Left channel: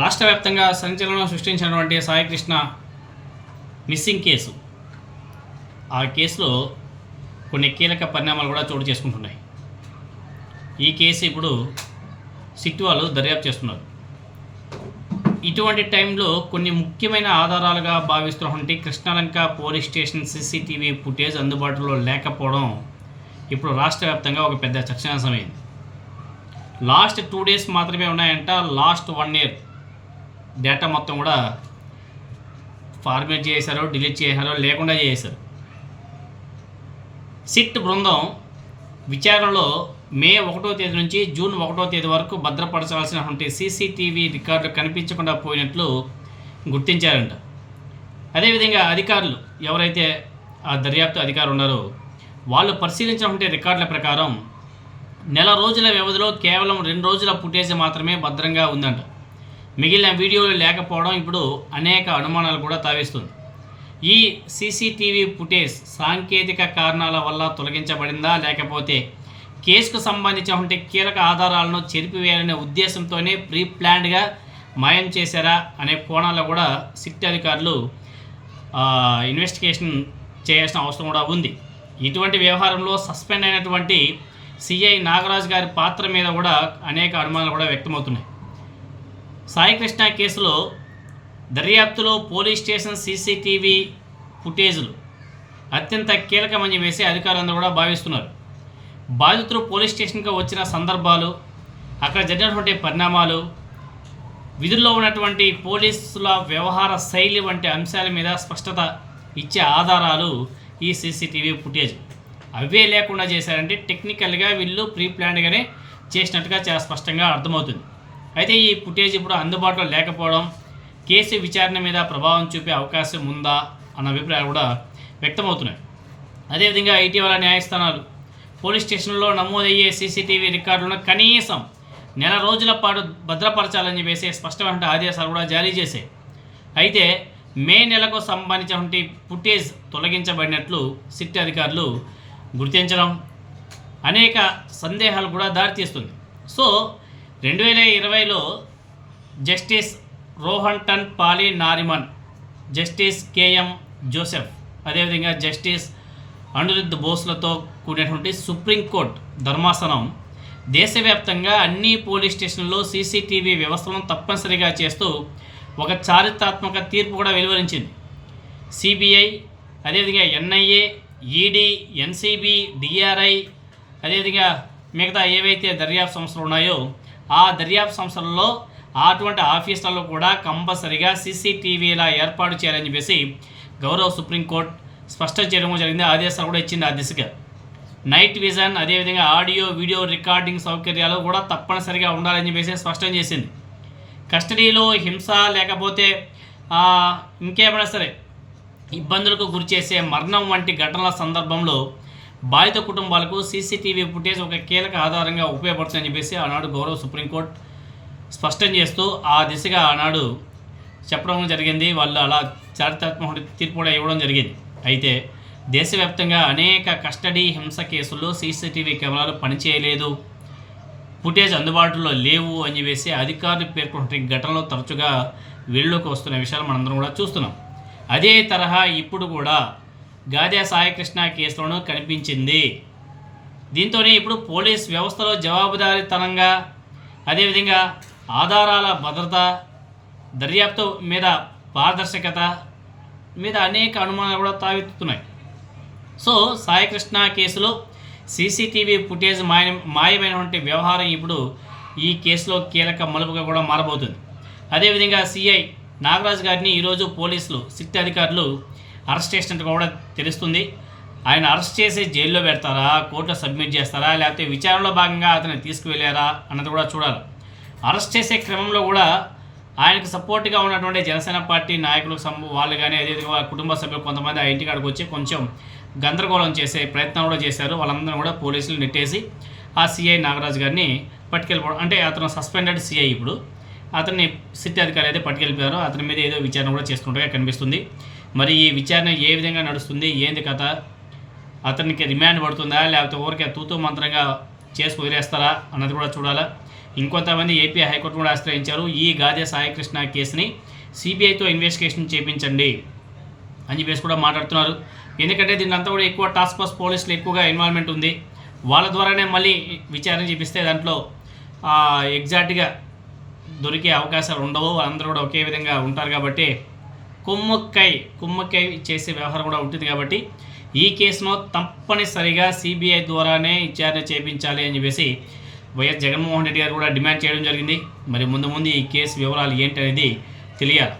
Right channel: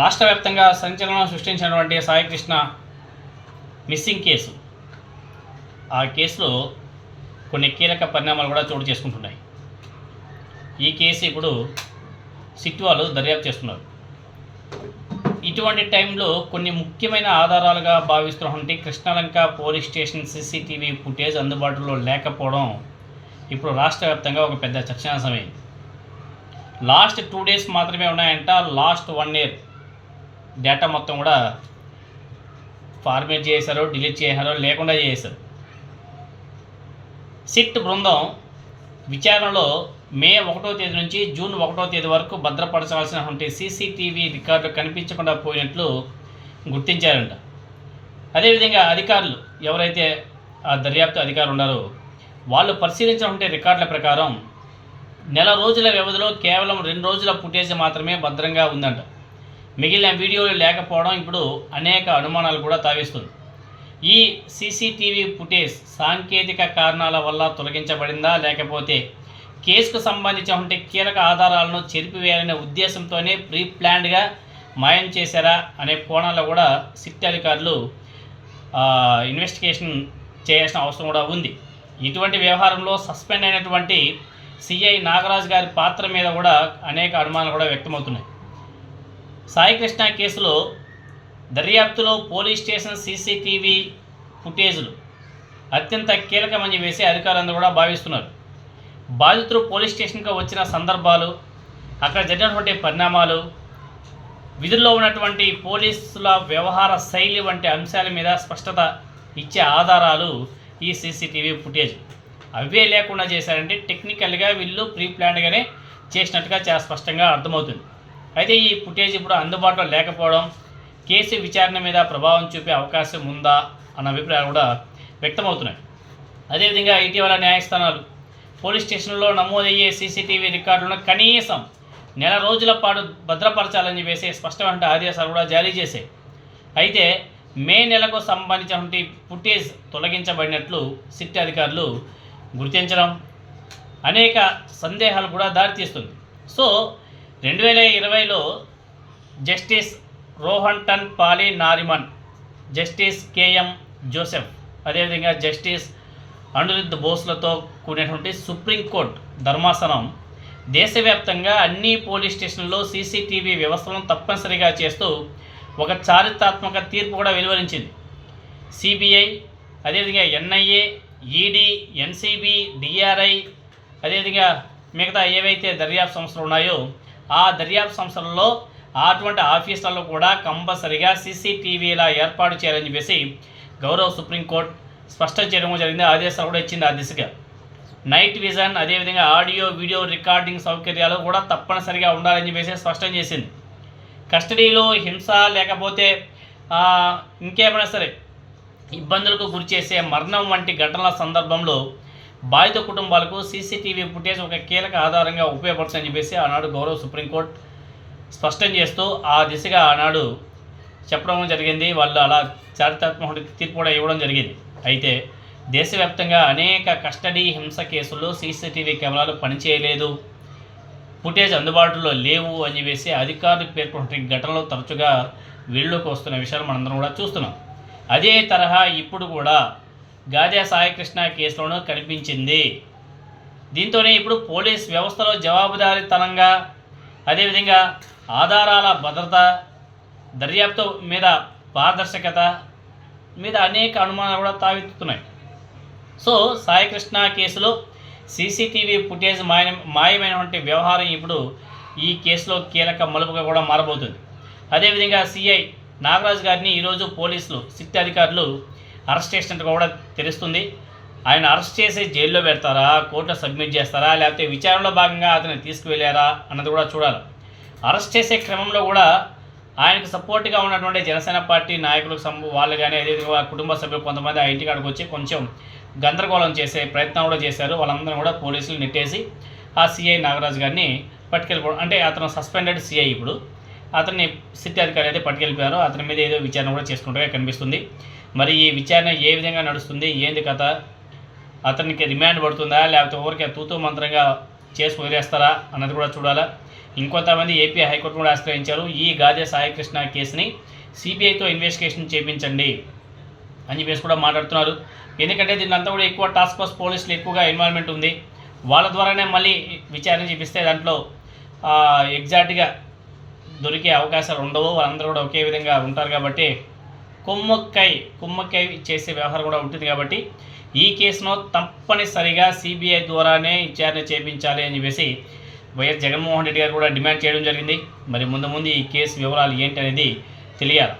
రాష్ట్ర వ్యాప్తంగా సంచలనం సృష్టించినటువంటి సాయికృష్ణ మిస్సింగ్ కేసు. ఆ కేసులో కొన్ని కీలక పరిణామాలు కూడా చోటు చేసుకుంటున్నాయి. ఈ కేసు ఇప్పుడు సిట్ వాళ్ళు దర్యాప్తు చేస్తున్నారు. ఇటువంటి టైంలో కొన్ని ముఖ్యమైన ఆధారాలుగా భావిస్తున్నటువంటి Krishnalanka police station CCTV footage అందుబాటులో లేకపోవడం ఇప్పుడు రాష్ట్ర వ్యాప్తంగా ఒక పెద్ద చర్చనీయాంశమైంది. లాస్ట్ 2 days మాత్రమే ఉన్నాయంట. లాస్ట్ 1 year డేటా మొత్తం కూడా ఫార్మేట్ చేశారో, డిలీట్ చేశారో, లేకుండా చేశారు. సిట్ బృందం విచారణలో మే 1వ తేదీ నుంచి జూన్ 1వ తేదీ వరకు భద్రపరచాల్సినటువంటి సీసీటీవీ రికార్డులు కనిపించకుండా పోయినట్లు గుర్తించారంట. అదేవిధంగా అధికారులు ఎవరైతే ఆ దర్యాప్తు అధికారులు ఉన్నారో వాళ్ళు పరిశీలించినటువంటి రికార్డుల ప్రకారం నెల రోజుల వ్యవధిలో కేవలం 2 రోజుల ఫుటేజ్ మాత్రమే భద్రంగా ఉందంట. మిగిలిన వీడియోలు లేకపోవడం ఇప్పుడు అనేక అనుమానాలు కూడా తావిస్తుంది. ఈ సీసీటీవీ ఫుటేజ్ సాంకేతిక కారణాల వల్ల తొలగించబడిందా, లేకపోతే కేసుకు సంబంధించినటువంటి కీలక ఆధారాలను చెరిపివేయాలనే ఉద్దేశంతోనే ప్రీ ప్లాన్డ్గా మాయం చేశారా అనే కోణాల్లో కూడా సిట్ అధికారులు ఇన్వెస్టిగేషన్ చేయాల్సిన అవసరం కూడా ఉంది. ఇటువంటి వ్యవహారంలో సస్పెండ్ అయినటువంటి సిఐ నాగరాజ్ గారి పాత్ర మీద కూడా అనేక అనుమానాలు కూడా వ్యక్తమవుతున్నాయి. సాయికృష్ణ కేసులో దర్యాప్తులో పోలీస్ స్టేషన్ సీసీటీవీ ఫుటేజ్లు అత్యంత కీలకమని వేసి అధికారులందరూ కూడా భావిస్తున్నారు. బాధితులు పోలీస్ స్టేషన్కి వచ్చిన సందర్భాలు, అక్కడ జరిగినటువంటి పరిణామాలు, విధుల్లో ఉన్నటువంటి పోలీసుల వ్యవహార శైలి వంటి అంశాల మీద స్పష్టత ఇచ్చే ఆధారాలు ఈ సీసీటీవీ ఫుటేజ్. అవే లేకుండా చేశారంటే టెక్నికల్గా వీళ్ళు ప్రీ ప్లాన్డ్గానే చేసినట్టుగా చాలా స్పష్టంగా అర్థమవుతుంది. అయితే ఈ ఫుటేజ్ ఇప్పుడు అందుబాటులో లేకపోవడం కేసు విచారణ మీద ప్రభావం చూపే అవకాశం ఉందా అన్న అభిప్రాయాలు కూడా వ్యక్తమవుతున్నాయి. అదేవిధంగా ఇటీవల న్యాయస్థానాలు పోలీస్ స్టేషన్లో నమోదయ్యే సీసీటీవీ రికార్డులను కనీసం నెల రోజుల పాటు భద్రపరచాలని చెప్పేసి స్పష్టమైన ఆదేశాలు కూడా జారీ చేశాయి. అయితే మే నెలకు సంబంధించినటువంటి ఫుటేజ్ తొలగించబడినట్లు సిట్ అధికారులు గుర్తించడం అనేక సందేహాలు కూడా దారితీస్తుంది. సో 2020లో జస్టిస్ రోహంటన్ పాలి నారిమన్, జస్టిస్ కేఎం జోసెఫ్, అదేవిధంగా జస్టిస్ అనిరుద్ధ్ బోస్లతో కూడినటువంటి సుప్రీంకోర్టు ధర్మాసనం దేశవ్యాప్తంగా అన్ని పోలీస్ స్టేషన్లలో సీసీటీవీ వ్యవస్థలను తప్పనిసరిగా చేస్తూ ఒక చారిత్రాత్మక తీర్పు కూడా వెలువరించింది. సిబిఐ, అదేవిధంగా ఎన్ఐఏ, ఈడీ, ఎన్సీబీ, డిఆర్ఐ, అదేవిధంగా మిగతా ఏవైతే దర్యాప్తు సంస్థలు ఉన్నాయో ఆ దర్యాప్తు సంస్థలలో అటువంటి ఆఫీసులలో కూడా కంపల్సరిగా సీసీటీవీలా ఏర్పాటు చేయాలని చెప్పేసి గౌరవ సుప్రీంకోర్టు స్పష్టం చేయడం జరిగింది. ఆదేశాలు కూడా ఇచ్చింది ఆ దిశగా. నైట్ విజన్, అదేవిధంగా ఆడియో వీడియో రికార్డింగ్ సౌకర్యాలు కూడా తప్పనిసరిగా ఉండాలని చెప్పేసి స్పష్టం చేసింది. కస్టడీలో హింస లేకపోతే ఇంకేమైనా సరే ఇబ్బందులకు గురిచేసే మరణం వంటి ఘటనల సందర్భంలో బాధిత కుటుంబాలకు సీసీటీవీ ఫుటేజ్ ఒక కీలక ఆధారంగా ఉపయోగపడుతుందని చెప్పేసి ఆనాడు గౌరవ సుప్రీంకోర్టు స్పష్టం చేస్తూ ఆ దిశగా ఆనాడు చెప్పడం జరిగింది. వాళ్ళు అలా చారిత్రాత్మక తీర్పు కూడా ఇవ్వడం జరిగింది. అయితే దేశవ్యాప్తంగా అనేక కస్టడీ హింస కేసుల్లో సీసీటీవీ కెమెరాలు పనిచేయలేదు, ఫుటేజ్ అందుబాటులో లేవు అని చెప్పేసి అధికారులు పేర్కొన్న ఘటనలు తరచుగా వీళ్ళలోకి వస్తున్న విషయాలు మనందరం కూడా చూస్తున్నాం. అదే తరహా ఇప్పుడు కూడా గాదే సాయికృష్ణ కేసులోనూ కనిపించింది. దీంతోనే ఇప్పుడు పోలీస్ వ్యవస్థలో జవాబుదారీతనంగా, అదేవిధంగా ఆధారాల భద్రత, దర్యాప్తు మీద పారదర్శకత మీద అనేక అనుమానాలు కూడా తావెత్తుతున్నాయి. సో సాయికృష్ణ కేసులో సీసీటీవీ ఫుటేజ్ మాయమైనటువంటి వ్యవహారం ఇప్పుడు ఈ కేసులో కీలక మలుపుగా కూడా మారబోతుంది. అదేవిధంగా సిఐ నాగరాజ్ గారిని ఈరోజు పోలీసులు సిట్ అధికారులు అరెస్ట్ చేసినట్టు కూడా తెలుస్తుంది. ఆయన అరెస్ట్ చేసి జైల్లో పెడతారా, కోర్టులో సబ్మిట్ చేస్తారా, లేకపోతే విచారణలో భాగంగా అతన్ని తీసుకువెళ్ళారా అన్నది కూడా చూడాలి. అరెస్ట్ చేసే క్రమంలో కూడా ఆయనకు సపోర్ట్గా ఉన్నటువంటి జనసేన పార్టీ నాయకులకు వాళ్ళు కానీ, అదేవిధంగా కుటుంబ సభ్యులు కొంతమంది ఆ ఇంటికాడికి వచ్చి కొంచెం గందరగోళం చేసే ప్రయత్నం కూడా చేశారు. వాళ్ళందరూ కూడా పోలీసులు నెట్టేసి ఆ సిఐ నాగరాజు గారిని పట్టుకెళ్ళిపోవడం, అంటే అతను సస్పెండెడ్ సిఐ, ఇప్పుడు అతన్ని సిట్ అధికారి అయితే పట్టుకెళ్ళిపోయారు. అతని మీద ఏదో విచారణ కూడా చేసుకుంటూగా కనిపిస్తుంది. మరి ఈ విచారణ ఏ విధంగా నడుస్తుంది, ఏంది కథ, అతనికి రిమాండ్ పడుతుందా లేకపోతే ఊరికే తూతూ మంత్రంగా చేసి వదిలేస్తారా అన్నది కూడా చూడాలా. ఇంకొంతమంది ఏపీ హైకోర్టు కూడా ఆశ్రయించారు. ఈ గాదె సాయికృష్ణ కేసుని సిబిఐతో ఇన్వెస్టిగేషన్ చేయించండి అని చెప్పేసి కూడా మాట్లాడుతున్నారు. ఎందుకంటే దీన్ని అంతా కూడా ఎక్కువ టాస్క్ ఫోర్స్ పోలీసులు ఎక్కువగా ఇన్వాల్వ్మెంట్ ఉంది. వాళ్ళ ద్వారానే మళ్ళీ విచారణ చేపిస్తే దాంట్లో ఎగ్జాక్ట్గా దొరికే అవకాశాలు ఉండవు. వాళ్ళందరూ కూడా ఒకే విధంగా ఉంటారు కాబట్టి కుమ్మక్కై చేసే వ్యవహారం కూడా ఉంటుంది. కాబట్టి ఈ కేసును తప్పనిసరిగా సిబిఐ ద్వారానే విచారణ చేయించాలి అని చెప్పేసి వైఎస్ జగన్మోహన్ రెడ్డి గారు కూడా డిమాండ్ చేయడం జరిగింది. మరి ముందు ఈ కేసు వివరాలు ఏంటనేది తెలియాలి.